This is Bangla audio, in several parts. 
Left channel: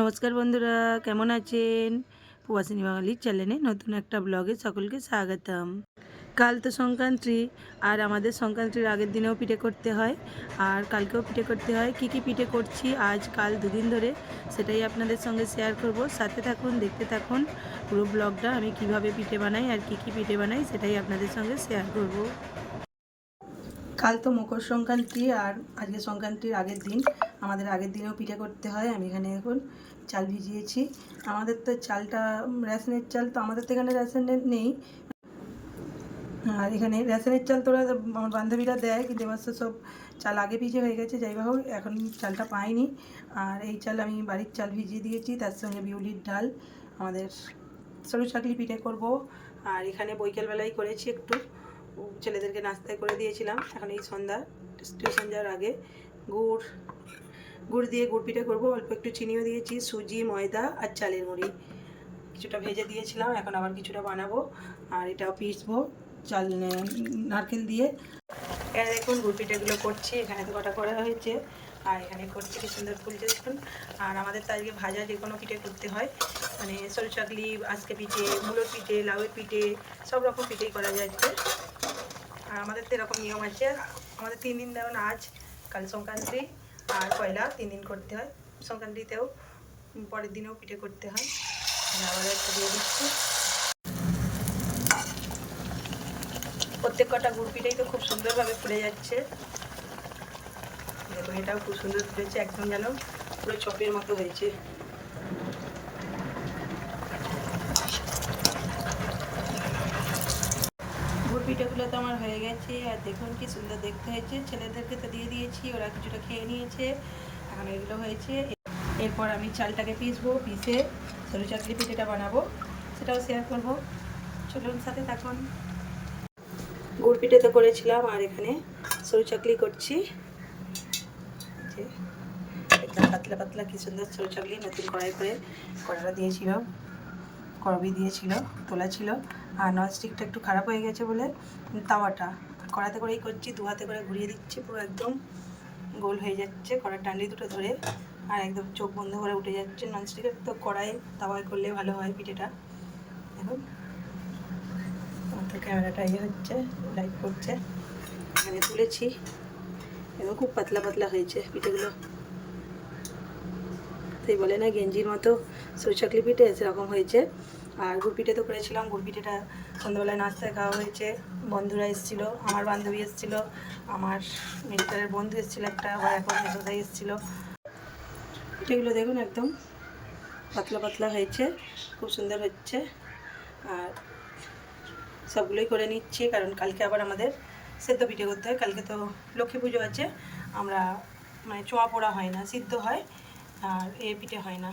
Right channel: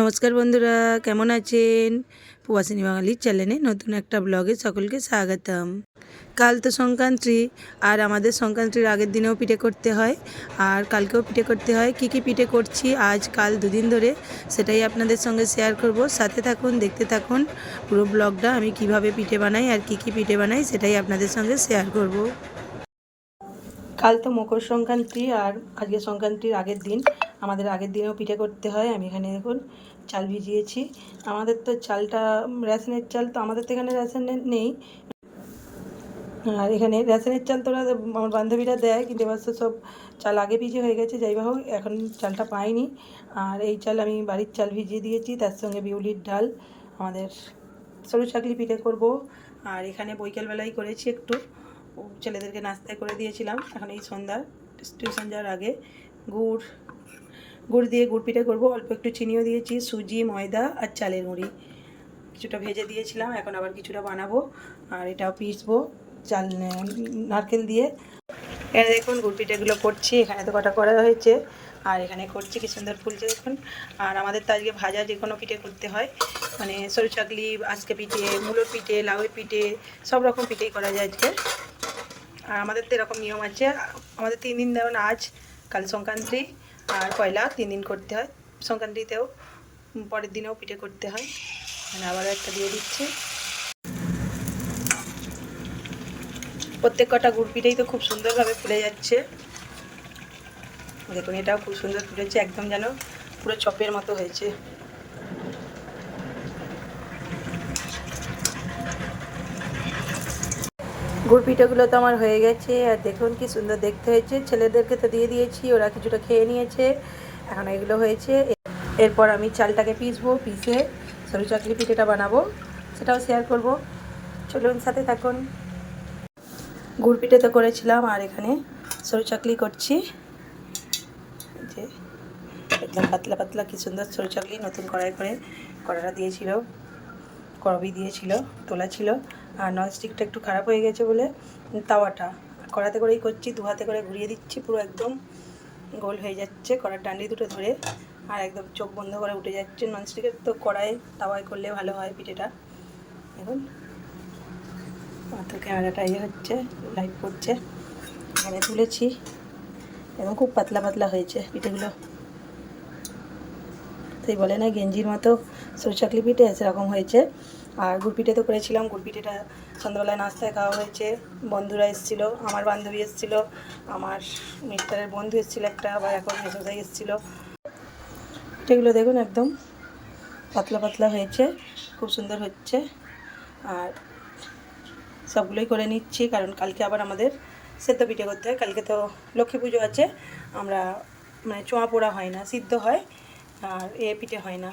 নমস্কার বন্ধুরা, কেমন আছেন? প্রবাসিনী বাঙালির চ্যানেলে নতুন একটা ব্লগে সকলকে স্বাগতম। কাল তো সংক্রান্তি, আর আমাদের সংক্রান্তির আগের দিনেও পিঠে করতে হয়, আর কালকেও পিঠে করতে হয়। কি কি পিঠে করছি আজ কাল দুদিন ধরে, সেটাই আপনাদের সঙ্গে শেয়ার করব। সাথে থাকুন, দেখতে থাকুন পুরো ব্লগটা। আমি কিভাবে পিঠে বানাই আর কি কি পিঠে বানাই সেটাই আপনাদের সঙ্গে শেয়ার করব। কাল তো মকর সংক্রান্তি, আর আজকে সংক্রান্তির আগের দিন। আমাদের আগের দিনেও পিঠে করতে হয়। আমি এখানে এখন চাল ভিজিয়েছি। আমাদের তো চালটা রেশনের চাল, তো আমাদের তো এখানে রেশনের নেই। আর এখানে রেশনের চাল তোরা আমার বান্ধবীরা দেয়, কিন্তু এবার সব চাল আগে ভিজে হয়ে গেছে। যাই হোক, এখন চালটা পাইনি। আর এই চাল আমি বাড়ির চাল ভিজিয়ে দিয়েছি, তার সঙ্গে বিউলির ডাল, আমাদের সরু চাকলি পিঠে করব। আর এখানে বৈকালবেলায় করেছি একটু, ছেলেদেরকে নাস্তায় করে দিয়েছিলাম। এখন এই সন্ধ্যা টিউশন যাওয়ার আগে গুড় দিয়ে গুড় পিঠে করবো। অল্প একটু চিনিও দিয়েছি, সুজি, ময়দা আর চালের গুঁড়ি কিছুটা ভেজে দিয়েছিলাম। এখন আবার কিছুটা বানাবো, আর এটাও পিসবো চাল নারকেল দিয়ে। এখানে দেখুন গুড় পিঠেগুলো করছি। এখানে তো কটা করা হয়েছে, আর এখানে করছি, কি সুন্দর ফুলছে দেখুন। আর আমাদের তো আজকে ভাজা যে কোনো পিঠে করতে হয়, মানে সরু চাকলি, আজকে পিঠে, মুলোর পিঠে, লাউয়ের পিঠে, সব রকম পিঠেই করা যায় আজকে। আর আমাদের তো এরকম নিয়ম আছে, আমাদের 3 দিন, যেমন আজ, কাল সংক্রান্তি আর পয়লা, 3 দিন করতে হয়। সংক্রান্তিতেও পরের দিনেও পিঠে করতে হয়। আবার একটু দিয়ে দিচ্ছি। প্রত্যেক কটা গুড় পিঠেই তো খুব সুন্দরভাবে ফুলে যাচ্ছে। দেখুন, এটাও খুব সুন্দর ফুলেছে, একদম যেন পুরো চপের মতো হয়েছে। গুড় পিঠেগুলো তো আমার হয়ে গেছে, আর দেখুন কি সুন্দর দেখতে হয়েছে। ছেলেদেরকে তো দিয়ে দিয়েছি, ওরা কিছুটা খেয়ে নিয়েছে। এখন এগুলো হয়েছে। এরপর আমি চালটাকে পিসবো, পিসে সরু চাকলি পিঠেটা বানাবো, সেটাও শেয়ার করব। চলুন, সাথে থাকুন। গুড় পিঠে তো করেছিলাম, আর এখানে সরু চাকলি করছি। যে একদম পাতলা পাতলা কি সুন্দর সরু চাকলি, নতুন কড়াই করে কড়াটা দিয়েছিল, করবি দিয়েছিল, তোলা ছিল। আর ননস্টিকটা একটু খারাপ হয়ে গেছে বলে তাওয়াটা কড়াতে করেই করছি, 2 হাতে করে ঘুরিয়ে দিচ্ছি। পুরো একদম গোল হয়ে যাচ্ছে কড়ার ডান্ডি দুটো ধরে, আর একদম চোখ বন্ধ করে উঠে যাচ্ছে। ননস্টিকের তো কড়াই তাওয়ায় করলে ভালো হয় পিঠেটা। দেখুন, তো ক্যামেরাটা ইয়ে হচ্ছে, লাইভ করছে। এখানে তুলেছি, এবং খুব পাতলা পাতলা হয়েছে পিঠেগুলো। সেই বলে না গেঞ্জির মতো সরু চাকলি পিঠে, সেরকম হয়েছে। আর গুড় পিঠে তো করেছিলাম। গুড় পিঠেটা সন্ধ্যাবেলায় নাস্তায় খাওয়া হয়েছে। বন্ধুরা এসেছিলো, আমার বান্ধবী এসেছিলো, আমার মিস্টারের বন্ধু এসেছিলো একটা, আবার এখন মেসোদাই এসেছিলো। পিঠেগুলো দেখুন একদম পাতলা পাতলা হয়েছে, খুব সুন্দর হচ্ছে। আর সবগুলোই করে নিচ্ছি, কারণ কালকে আবার আমাদের সেদ্ধ পিঠে করতে হয়। কালকে তো লক্ষ্মী পুজো আছে। আমরা মানে চোঁয়া পোড়া হয় না, সিদ্ধ হয়। আর পিঠে হয় না,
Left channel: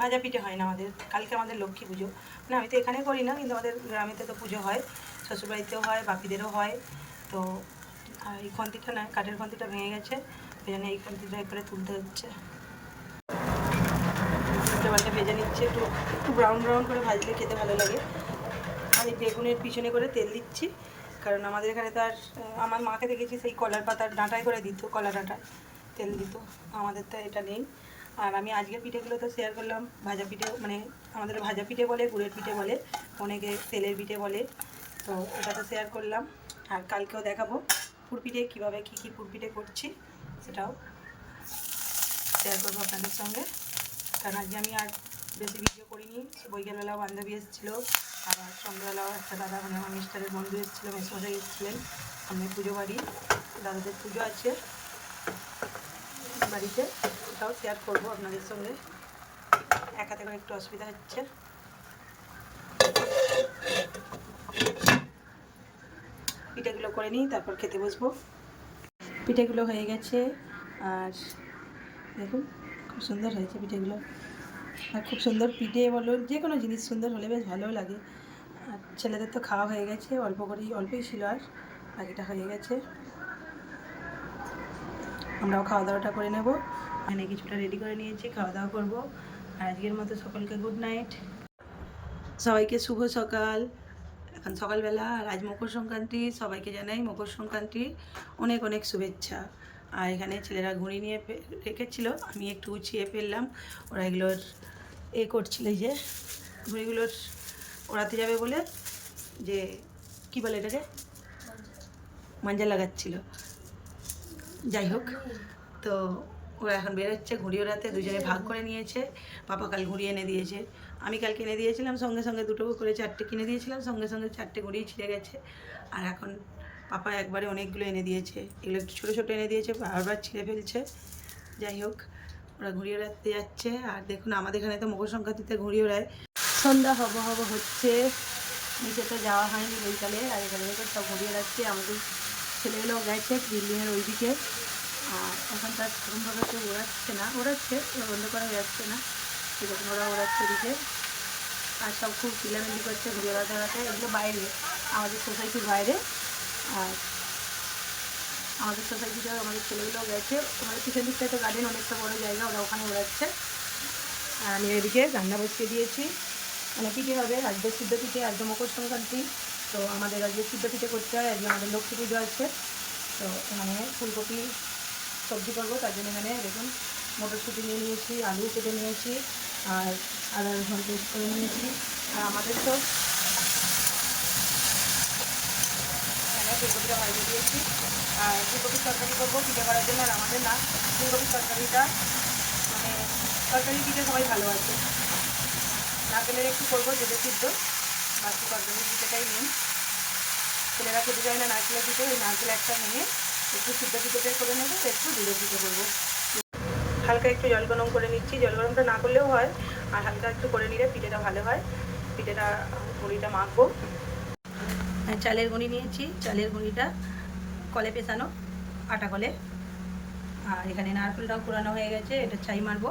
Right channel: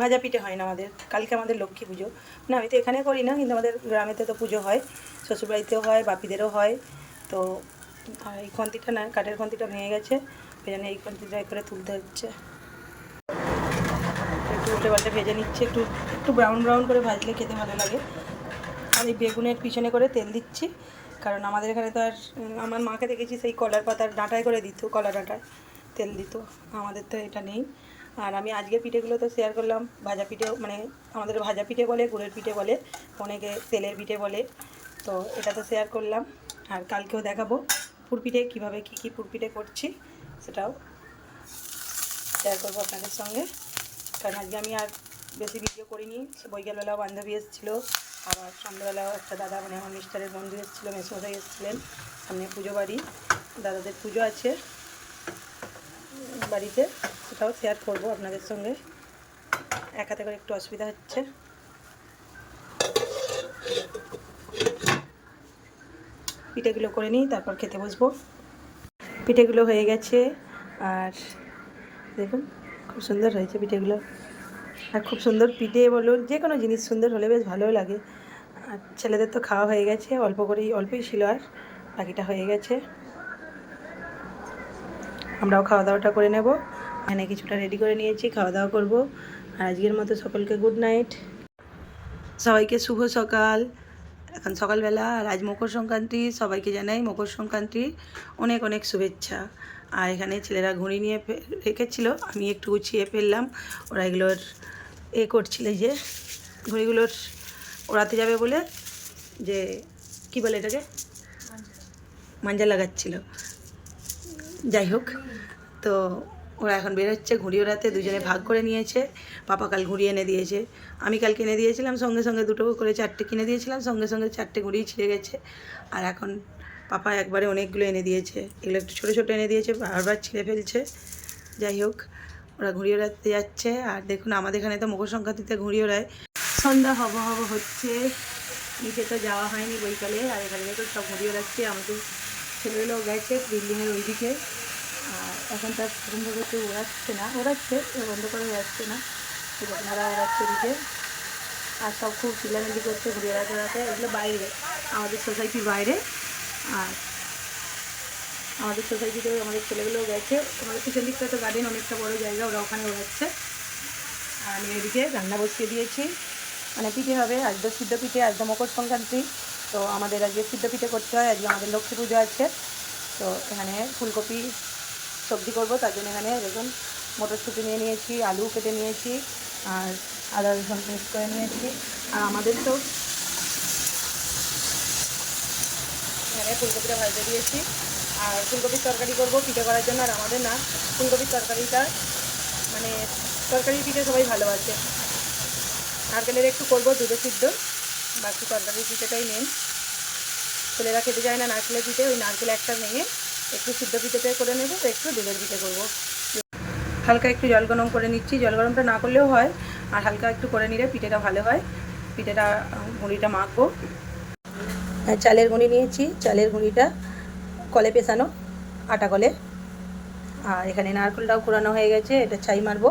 ভাজা পিঠে হয় না আমাদের। কালকে আমাদের লক্ষ্মী পুজো। না, আমি তো এখানে করি না, কিন্তু আমাদের গ্রামেতে তো পুজো হয়, শ্বশুরবাড়িতেও হয়, বাপিদেরও হয়। তো এই খন্তিটা না, কাঠের খন্তিটা ভেঙে গেছে, ওই জন্য এই খন্তিটা করে তুলতে হচ্ছে। উল্টে পাল্টে ভেজে নিচ্ছে, একটু একটু ব্রাউন ব্রাউন করে ভাজলে খেতে ভালো লাগে। আর এই বেগুনের পিছনে করে তেল দিচ্ছি, কারণ আমাদের এখানে তো আর, আমার মাকে দেখেছি সেই কলার পাতার ডাঁটায় করে দিত, কলা ডাঁটায় তেল দিত। আমাদের তো এটা নেই। আর আমি আজকের পিঠেগুলো তো শেয়ার করলাম। ভাজা পিঠে, মানে আমাদের ভাজা পিঠে বলে, গুড়ের পিঠে বলে, অনেকে তেলের পিঠে বলে। তো এটা তো শেয়ার করলাম। আর কালকেও দেখাবো পুরপিঠে, কীভাবে কী কী পুরপিঠে করছি সেটাও শেয়ার করবো আপনাদের সঙ্গে। কারণ আজকে আমি আর বেশি ভিডিও করিনি। বৈকালবেলাও বান্ধবী এসেছিলো, আবার সন্ধ্যাবেলাও একটা দাদা, মানে আমার মিস্টারের বন্ধু এসেছিলো, মেসমশাই এসেছিলেন। সামনে পুজো বাড়ি, দাদাদের পুজো আছে বাড়িতে, সেটাও শেয়ার করবো আপনাদের সঙ্গে। এক হাতে করে একটু অসুবিধা হচ্ছে। পিঠেগুলো করে নিই, তারপর খেতে বসবো। পিঠেগুলো হয়ে গেছে, আর দেখুন খুব সুন্দর হয়েছে পিঠেগুলো। আর খুব সুন্দর পিঠে বলো, যে কোনো জিনিস সুন্দর হলে বেশ ভালোও লাগে। আর ছেলেদের তো খাওয়া হয়ে গেছে, অল্পই ছিল, আর বাকিটা হয়ে গেছে। আমরাও খাওয়া দাওয়াটা করে নেব। এখানে কিছুটা রেডি করে নিয়েছি, খাওয়া দাওয়া করব। আর আজকের মতো সকলকে গুড নাইট, সবাইকে শুভ সকাল। এখন সকালবেলা, আর আজ মকর সংক্রান্তি। সবাইকে জানাই মকর সংক্রান্তির অনেক অনেক শুভেচ্ছা। আর এখানে ছেলেরা ঘুড়ি নিয়ে রেখেছিল, আমি একটু গুছিয়ে ফেললাম। ওরা এগুলোর করছিল, এই যে ঘুড়িগুলোর ওড়াতে যাবে বলে, যে কি বলে এটাকে, মাঞ্জা লাগাচ্ছিল। যাই হোক, তো ওরা এখন বেরোচ্ছে ঘুড়ি ওড়াতে, দুজনে ভাগ করে নিয়েছে। পাপা কাল ঘুড়ি এনে দিয়েছে, আমি কাল কিনে দিয়েছিলাম সঙ্গে সঙ্গে, দুটো করে 4টে কিনে দিয়েছিলাম, সঙ্গে সঙ্গে 4টে ঘুড়ি ছিঁড়ে গেছে। আর এখন পাপা একবারে অনেকগুলো এনে দিয়েছে, এগুলো একটু ছোটো ছোটো এনে দিয়েছে, বারবার ছিঁড়ে ফেলছে। যাই হোক, ওরা ঘুড়ি ওড়াতে যাচ্ছে। আর দেখুন আমাদের এখানে তো মকর সংক্রান্তিতে ঘুড়ি ওড়ায়। সন্ধ্যা হব হচ্ছে, নিচে তো যাওয়া হয়নি বৈকালে। আর এখানে দেখুন সব ঘুড়ি ওড়াচ্ছে, আমাদের ছেলেগুলো গেছে বিল্ডিংয়ের ওইদিকে। আর এখন তার সেরকমভাবে কেউ ওড়াচ্ছে বন্ধ করা যাচ্ছে না, সেরকম ওরা ওড়াচ্ছে ওদিকে। আর সব খুব চিল্লামিল্লি করছে ঘুড়ি ওড়াতে ওড়াতে। এগুলো বাইরে, আমাদের সোসাইটির বাইরে। আর আমাদের সোসাইটিতেও আমাদের ছেলেগুলো গেছে, আমাদের পিছন দিকটা তো গার্ডেন, অনেকটা বড় জায়গা, ওরা ওখানে ওড়াচ্ছে। আর আমি এদিকে রান্না বসিয়ে দিয়েছি, মানে পিঠে হবে আজ তো সিদ্ধ পিঠে, আজ তো মকর সংক্রান্তি। তো আমাদের আজকে সিদ্ধ পিঠে করতে হয়, আজকে আমাদের লক্ষ্মী পুজো আছে। তো এখানে ফুলকপি সবজি করবো, তার জন্য এখানে দেখুন মটরশুঁটি নিয়ে নিয়েছি, আলু কেটে নিয়েছি, আর আদা রসুন পেস্ট করে নিয়েছি। আর আমাদের তো এখানে ফুলকপিটা ভাজতে দিয়েছি। আর ফুলকপির তরকারি করবো পিঠে করার জন্য। আর আমাদের না, ফুলকপির তরকারিটা মানে তরকারি পিঠে সবাই ভালোবাসে। নারকেলের একটু করবো, দুধে সিদ্ধ, বাকি তরকারি পিঠেটাই মেন। ছেলেরা খেতে যায় না নারকেলের পিঠে, ওই নারকেল একটা ভেঙে একটু সিদ্ধ পিঠেটাই করে নেবো, একটু দুধের পিঠে করবো। হালকা একটু জল গরম করে নিচ্ছি, জল গরমটা না করলেও হয়, আর হালকা একটু করে নিলে পিঠেটা ভালো হয়। পিঠেটা গুঁড়িটা মাখবো। চালের গুঁড়ি নিয়েছি, চালের গুঁড়িটা কলে পেছানো, আটা কলে। আর এখানে নারকেলটাও কুড়ানো হয়ে গেছে, এটা ছাই মারবো।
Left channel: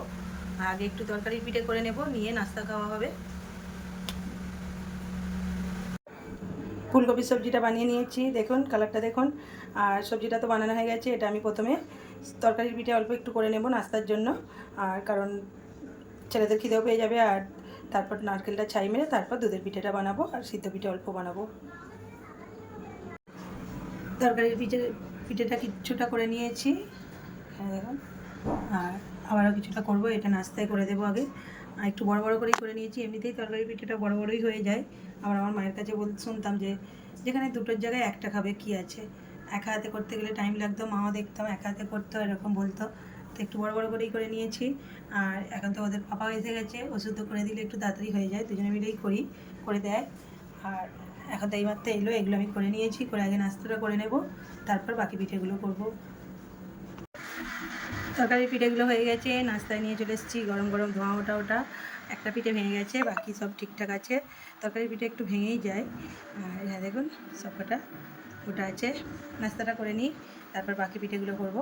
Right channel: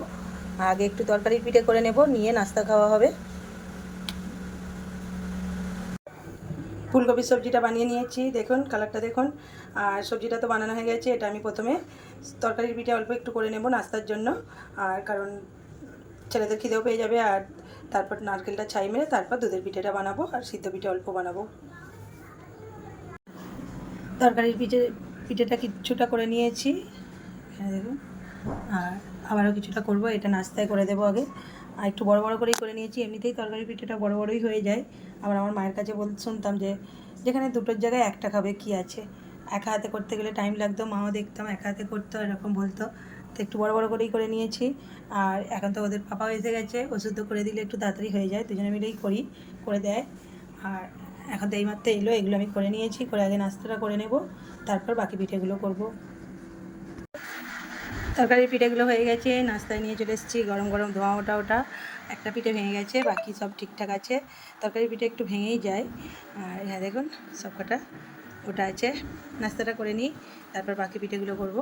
আগে একটু তরকারির পিঠে করে নেব, নিয়ে নাস্তা খাওয়া হবে। ফুলকপির সবজিটা বানিয়ে নিয়েছি, দেখুন কালারটা দেখুন। আর সবজিটা তো বানানো হয়ে গেছে। এটা আমি প্রথমে তরকারির পিঠে অল্প একটু করে নেব নাস্তার জন্য, আর কারণ ছেলেদের খিদেও পেয়ে যাবে। আর তারপর নারকেলটা ছাই মেরে তারপর দুধের পিঠেটা বানাবো, আর সিদ্ধ পিঠে অল্প বানাবো। তরকারির পিঠেটা কিছুটা করে নিয়েছি, এখানে দেখুন। আর আবারও কিছুটা করব, এটা নাস্তায় করে দেবো আগে। আর একটু বড় বড় করেই করে নিয়েছি, এমনিতেই তরকারি পিঠেটা বড় বড়ই হয়ে যায়। আবার আমার মায়ের কাছে শুনতাম যে যেখানে দুটোর জায়গায় একটা খাবে কি আছে, একা হাতে করতে গেলে টাইম লাগতো, মাও দেখতাম একা হাতে করতো, এরকম বলতো। তো একটু বড় বড় করেই করে নিয়েছি। আর এখন তো ওদের পাপাও এসে গেছে, ওষুধ করে দিলে একটু তাড়াতাড়ি হয়ে যায়, দুজনে মিলেই করে দেয়। আর এখন তো এইমাত্র এলো, এগুলো আমি করে নিয়েছি, করে আগে নাস্তাটা করে নেব, তারপর বাকি পিঠেগুলো করব। তরকারির পিঠেগুলো হয়ে গেছে, নাস্তায় নিয়ে চলে এসেছি, গরম গরম ধোঁয়া ওটা। একটা পিঠে ভেঙে গেছে, বাকি সব ঠিকঠাক আছে। তরকারি পিঠে একটু ভেঙেই যায়। আর হ্যাঁ দেখুন সব কটা ওটা আছে। নাস্তাটা করে নিই, তারপর বাকি পিঠেগুলো করব।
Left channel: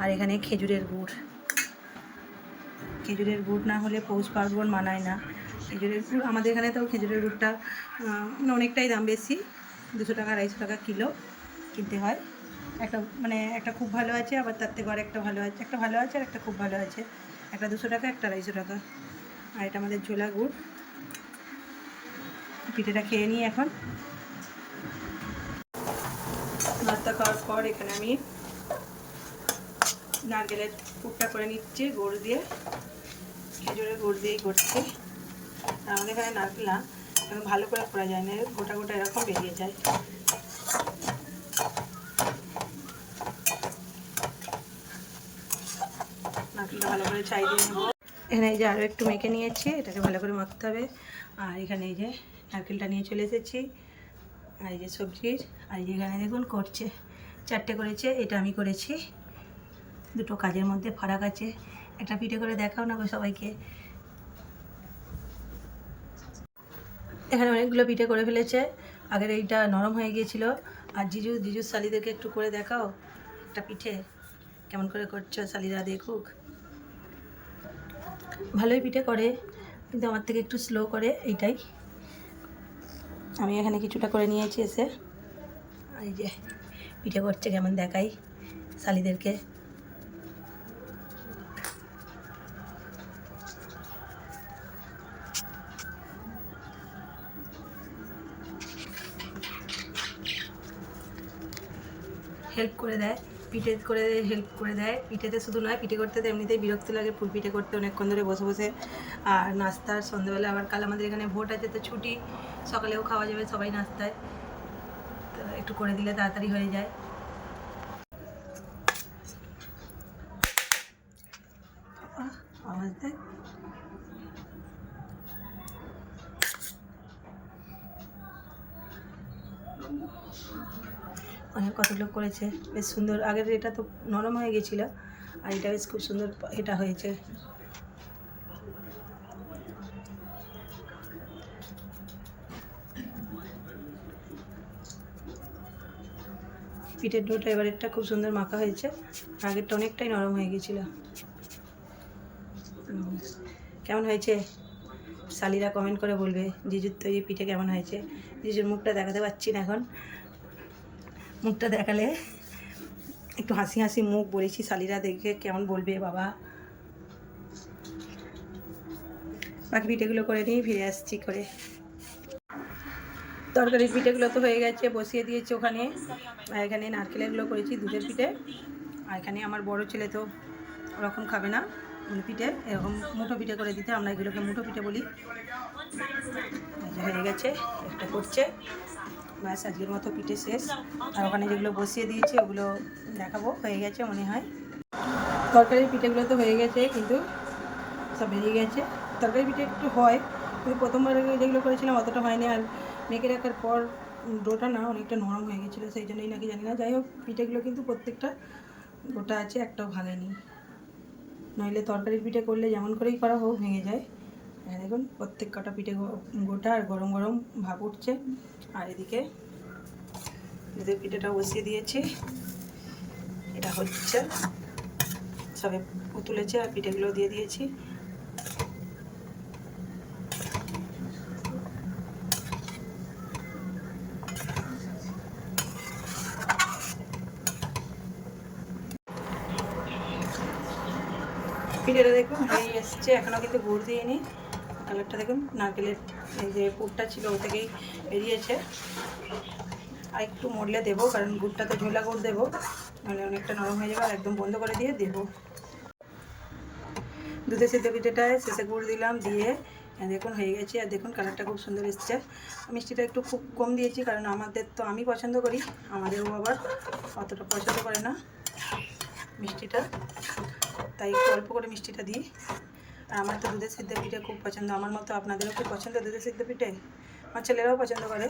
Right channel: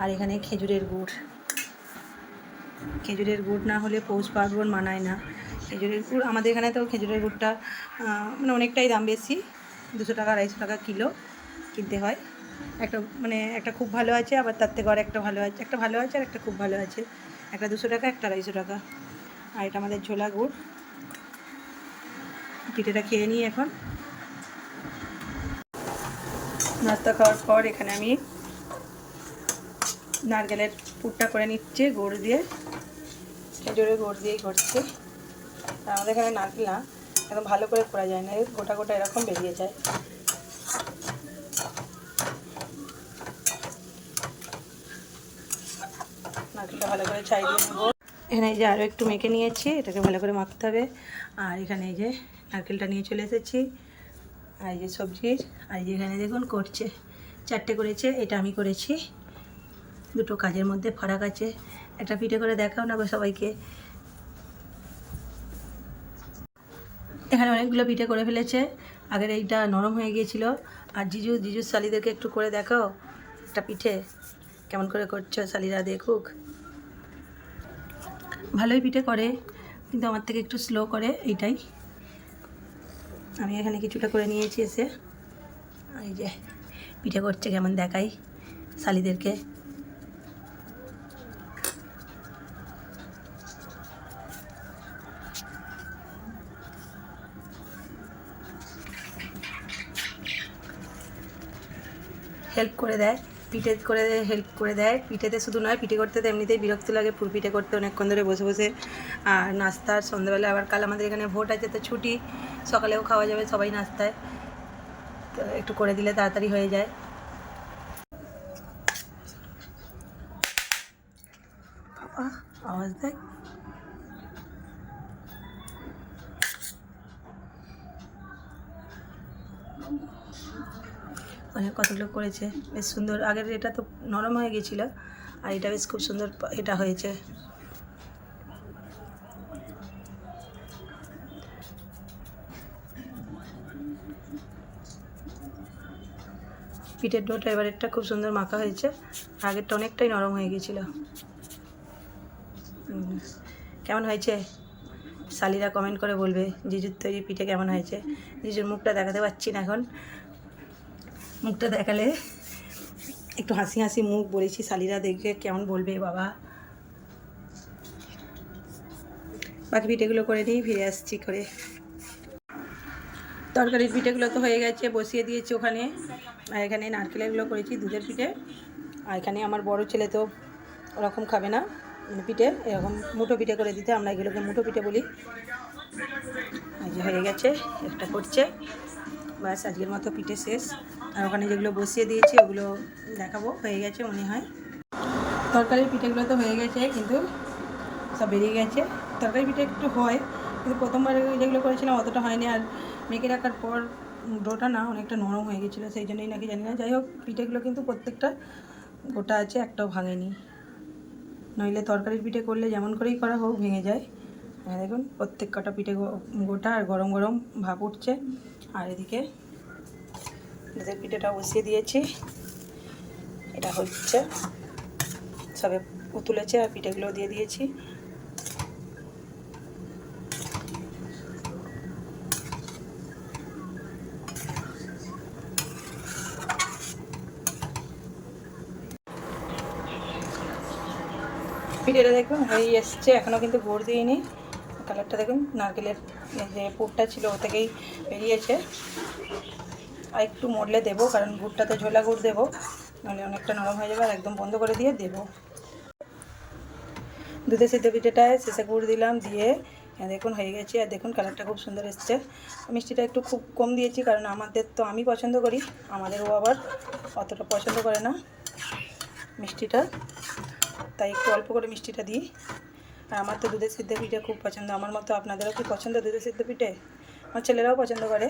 আর এখানে খেজুরের গুড় না হলে পৌষ পার্বণ মানায় না। খেজুরের গুড় আমাদের এখানে তো খেজুরের গুড়টা মানে অনেকটাই দাম বেশি, 200 টাকা 250 টাকা কিলো কিনতে হয়। একটা খুব ভালো আছে, আবার তার থেকে আর একটা ভালো আছে, একটা ভালো আছে আর একটা খুব ভালো আছে। একটা 200 টাকা, একটা 250 টাকা। আর এটা আমাদের ঝোলা গুড়। পিঠেটা খেয়ে নিই এখন। নাস্তা খাওয়ার পর এখানে আমি নারকেলের পুরটা করে নিচ্ছি গুড় দিয়ে, খেজুরের গুড় দিয়েই করছি। আর আমাদের এখানে নারকেল না একদম ভালো করে করা যায় না, গোটা গোটা এরকম বেরিয়ে যায়। নারকেলটা ভালো করে ছাই দিয়ে নেব। এখানে এই যে আরও একটু মেখে নিয়েছি, এটাকে ভালো করে মাখতে হবে। আর এখানে এই যে নারকেলটা নিয়ে চলে এসেছি, আর এই যে সবজির, আর এই যে এখানে দেখুন করছে 4টে করেছে, এটা আমি করেছি। দুটো কাজের মধ্যে ফারাক আছে। একটা পিঠে করে দেখাও না গো সবাইকে। এখানে অনেকগুলো পিঠে করে ফেলেছে, আগের এইটা নরম হয়ে গিয়েছিল। আর জিজুর শালিদেরকে একটু করে দেখাও একটা পিঠে কেমন করে করছো, শালিরা দেখুক। ভালোই পিঠে করে, কিন্তু আমার থেকে একটু স্লো করে, এইটাই। আমি এখানে কিছুটা করে নিয়েছি এসে। এই যে পিঠে করছে, কেমন দেখাই শালিদেরকে। হেল্প করে দেয়, পিঠে করে হেল্প করে দেয়। পিঠেতে শুধু নয়, পিঠে করতে তো এমনিতেই বিরক্ত লাগে, পুর পিঠে করতে অনেকক্ষণ ধরে বসে বসে। আর নাস্তার সন্ধ্যাবেলা আবার কাল আমাদের এখানে ভোট আছে, তো ছুটি, সকালেও খাওয়া যাবে সবাই নাস্তায়, তো একটু করে দিলে তাড়াতাড়ি হয়ে যায়। আওয়াজ দেয়। অনেক কতগুলো করেছে, বেশ সুন্দর। আগের এটা তো নরম হয়ে গেছিলো, আর এটা বেশ খুব সুন্দর এটা হয়েছে। পিঠের ডোটা এবারেরটা খুব সুন্দর মাখা হয়েছে, আগেরটা অনেকটাই নরম হয়ে গেছিলো। কেমন হয়েছে শালিরা কমেন্ট করে বলবে জিজুর তৈরি পিঠে কেমন হয়েছে। জিজুর মুখটা দেখাতে পারছি না এখন, মুখটা দেখালে একটু হাসি হাসি মুখ বলেছি, শালিরা দেখে কেমন বলবে বাবা। বাকি পিঠেগুলো করে নিয়ে ফিরে আসছি করে। তরকারির পিঠেগুলো তো হয়ে গেছে, বসিয়ে দিয়েছি ওখানে। আর এখানে নারকেলেরগুলো করেছি, দুধের পিঠে। আর এখানে আমার বড় ছেলে তো ওরকম খাবে না, মানে পিঠে এরকম মুঠো পিঠে করে দিতে, আমরা এগুলোকে মুঠো পিঠে বলি। হয়ে গেছে, একটা করছে, ব্যাস আজকের মতো পিঠে শেষ। আর ওখানে যেগুলো বসিয়ে দিয়েছি ওগুলো দেখাবো, হয়ে গেছে মনে হয়। তরকারির পিঠেগুলো তো হয়ে গেছে, কিন্তু সব বেরিয়ে গেছে। তরকারি পিঠে একটু হয়, কিন্তু প্রথমবার যেগুলো করেছিলাম অতটা হয়নি। আর মেখে রাখার পর ডোটা না অনেকটা নরম হয়ে গেছিলো, সেই জন্যই নাকি জানি না। যাই হোক, পিঠেগুলো কিন্তু প্রত্যেকটা গোটা আছে, একটাও ভাঙেনি। নইলে তরকারির পিঠে করলে যেমন করেই করা হোক ভেঙে যায়। দেখুন প্রত্যেক কটা পিঠে গোটা, আর গরম গরম ভাপ উঠছে। আর এদিকে দুধের পিঠেটা বসিয়ে দিয়েছি, এটা হচ্ছে, সবে তুলেছে আর পিঠেগুলো দিয়ে দিয়েছি। পিঠেটা দেখুন এই এসছে, এখনও কিন্তু গুড় দিইনি। কালারটা দেখুন, নারকেলের যে পুরটা ছিল ও থেকেই বেরিয়েছে। আর একটু মরলে দেবো, কারণ গুড়টাতে ঝোলা গুড় দেবো, নাহলে অনেকটা নরম হয়ে যাবে। আর একদম বন্ধ করে দিয়ে দেবো। দুধে সিদ্ধ পিঠেটায় শেষে গুড় দিলাম, দিয়ে দেখুন হয়ে গেছে। আর দেখুন কালারটা খুব সুন্দর এসছে। মিষ্টিটা একটু খুব কম দিয়েছি, কারণ আমাদের তো আমি পছন্দ করি, আমাদেরও আবার অতটা পছন্দ করে না মিষ্টিটা, তাই একটু অল্প করে মিষ্টিটা দিই। আর আমার তো দুধের সিদ্ধ পিঠে খুব পছন্দ, আমার মতো আপনাদেরও কি পছন্দ দুধের সিদ্ধ পিঠে? আমার ছেলেরাও পছন্দ করে।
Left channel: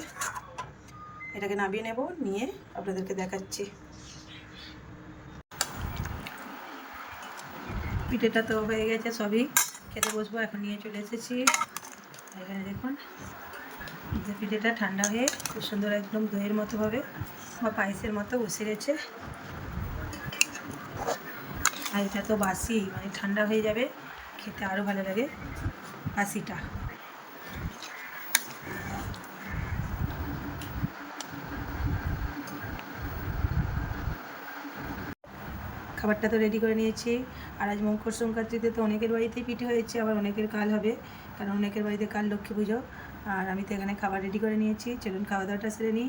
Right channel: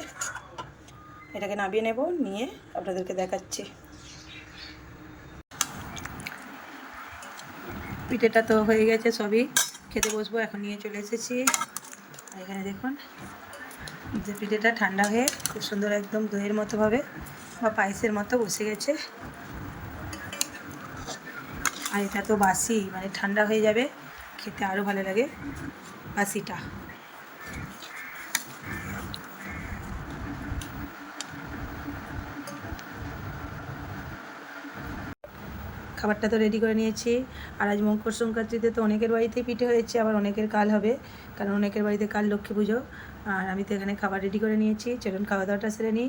এটাকে নামিয়ে নেব, নিয়ে আপনাদেরকে দেখাচ্ছি। পিঠেটা তো হয়ে গেছে, সবই খেতে বসবো, এখন নিয়ে চলে এসেছি। এখানে দেখুন যে পিঠেটা ঠান্ডা হয়ে খুব সুন্দর একদম দইয়ের মতোভাবে বা পায়েসের মতো বসে গেছে। আর এটা তো বাসি, মানে ঠান্ডা হয়ে যাবে, খেতে আরও ভালো লাগে বাসিটা। খাবারটা তো রেডি করে নিয়েছি। আর আজ মকর সংক্রান্তিতে তো অনেকের বাড়িতেই পিঠে হয়েছে, আবার অনেকের কাল হবে, কারণ অনেকের বাড়িতে কাল লক্ষ্মী পুজো। আর আমি তো এখানে খাবার রেডি করে নিয়েছি, চলুন খাওয়া দাওয়াটা সেরে নিই।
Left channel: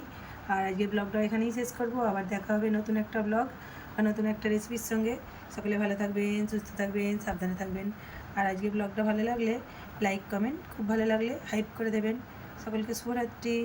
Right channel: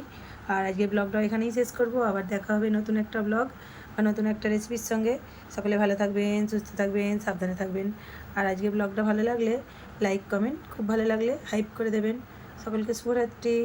আর আজকের ব্লগটা এখানেই শেষ করব, আবার দেখা হবে নতুন একটা ব্লগ বা নতুন একটা রেসিপির সঙ্গে। সকলে ভালো থাকবেন, সুস্থ থাকবেন, সাবধানে থাকবেন। আর আজকের ব্লগটা ভালো লাগলে লাইক কমেন্ট, খুব ভালো লাগলে হাইপ করে দেবেন। সকলকে শুভরাত্রি।